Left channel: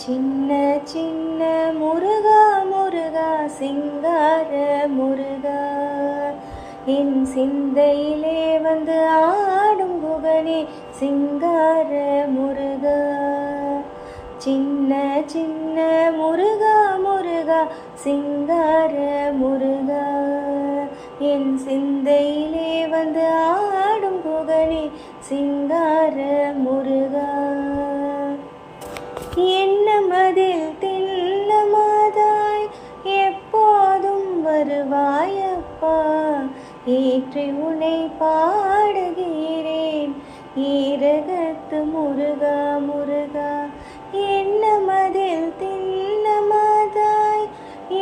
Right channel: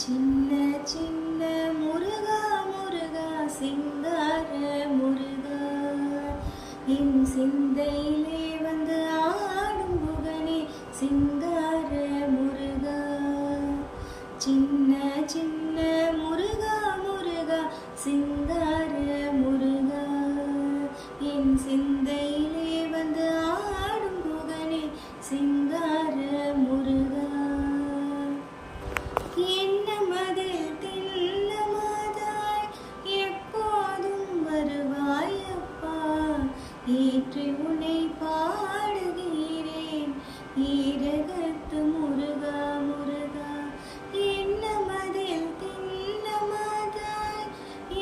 சின்ன சின்ன முருகா முருகா சிங்கார முருகா என் சிந்தையிலே வந்து ஆடும் குகனே சிங்கார முருகா. சின்ன சின்ன முருகா முருகா சிங்கார முருகா என் சிந்தையிலே வந்து ஆடும் குகனே சிங்கார முருகா. எண்ணமதில் தில்லமாதாய் எப்போதும் வருவாயப்பா, ஏற்றி உனை பாடுகிறேன் ஈரகத்து முருகா முருகா. எண்ணமதில் தில்லமாதாய்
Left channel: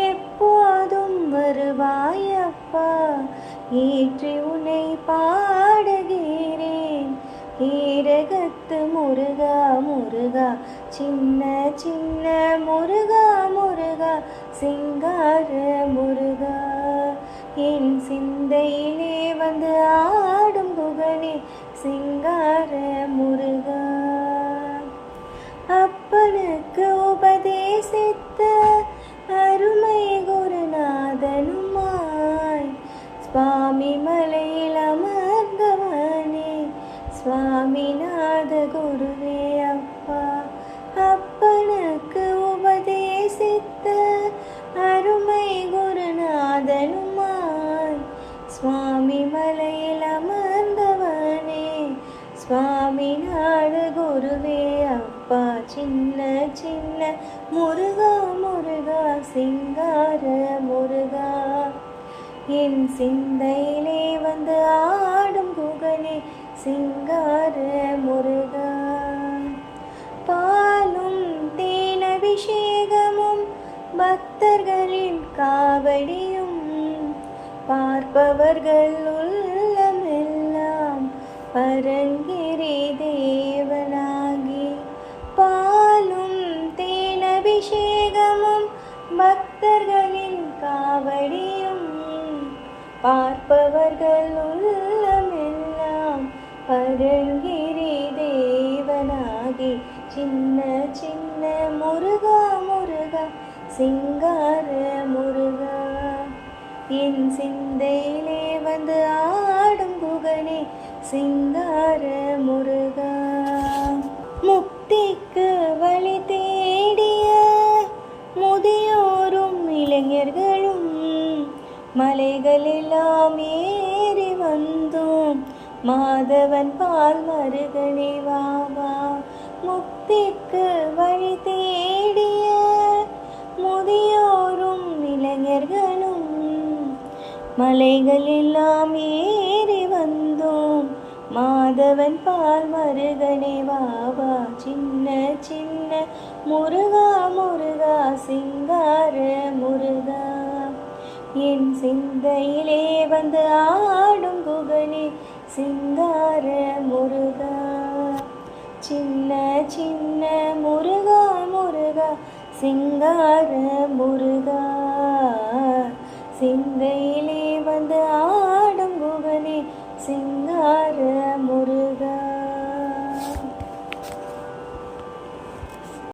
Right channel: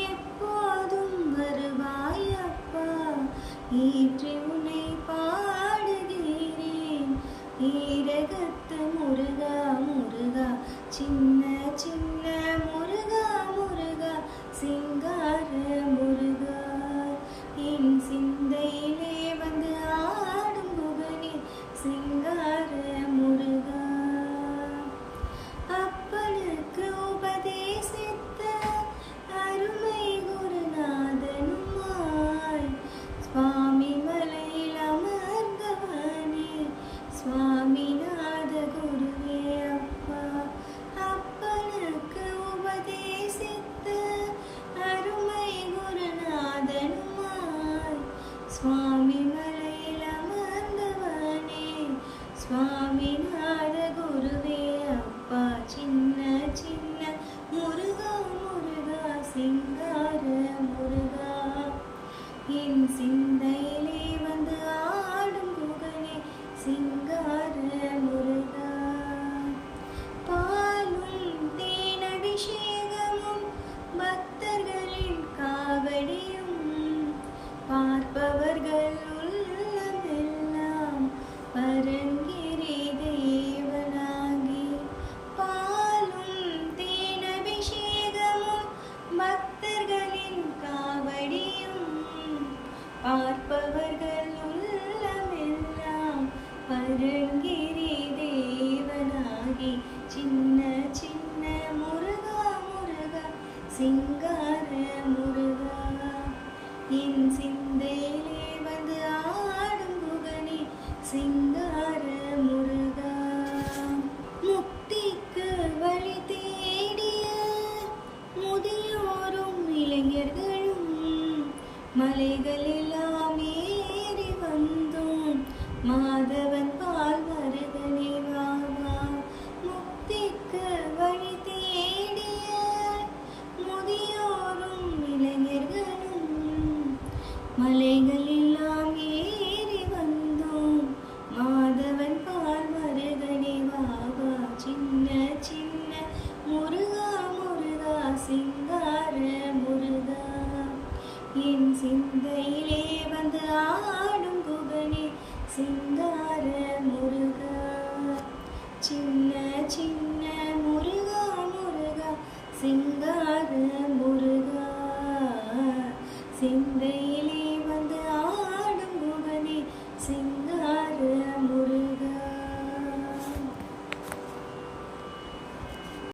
எப்போதும் வருவாயப்பா, ஏற்றி உனை பாடுகிறேன் ஈரகத்து முருகா முருகா. சின்ன சின்ன முருகா முருகா சிங்கார முருகா என் சிந்தையிலே வந்து ஆடும் குகனே சிங்கார முருகா. அப்பனுக்கு உபதேசித்த அருமை குருநாதனுமாய் சுவாமி மலையில் அமர்ந்தவனே சுவாமிநாத குருவே அப்பா. அப்பனுக்கு உபதேசித்த அருமை குருநாதனுமாய் சுவாமி மலையில் அமர்ந்தவனே சுவாமிநாத குருவே அப்பா. சின்ன சின்ன முருகா முருகா சிங்கார முருகா என் சிந்தையிலே வந்து ஆடும் குகனே சிங்கார முருகா. பாலும் தேனபிஷேகமும் பக்தர்களின் காவடியும் பார்ப்பவர்கள் உள்ளமெல்லாம் பரங்கிரி தேவனாகி. பாலும் தேனபிஷேகமும் பக்தர்களின் காவடியும் பார்ப்பவர்கள் உள்ளமெல்லாம் பரங்கிரி தேவனாகி. சின்ன சின்ன முருகா முருகா சிங்கார முருகா என் சிந்தையிலே வந்து ஆடும் குகனே சிங்கார முருகா. முக்திக்கு வழி தேடிய முதியோரும் இளைஞர்களும் மலைகளெல்லாம் ஏறி வந்தோம் மாதவன் பால் மருகனே வாவா. முக்திக்கு வழி தேடிய முதியோரும் இளைஞர்களும் மலைகளெல்லாம் ஏறி வந்தோம் மாதவன் பால் மருகனே வாவா. சின்ன சின்ன முருகா முருகா சிங்கார முருகா என் சிந்தையிலே வந்து ஆடும் குகனே சிங்கார முருகா. சின்ன சின்ன முருகா முருகா சிங்கார முருகா.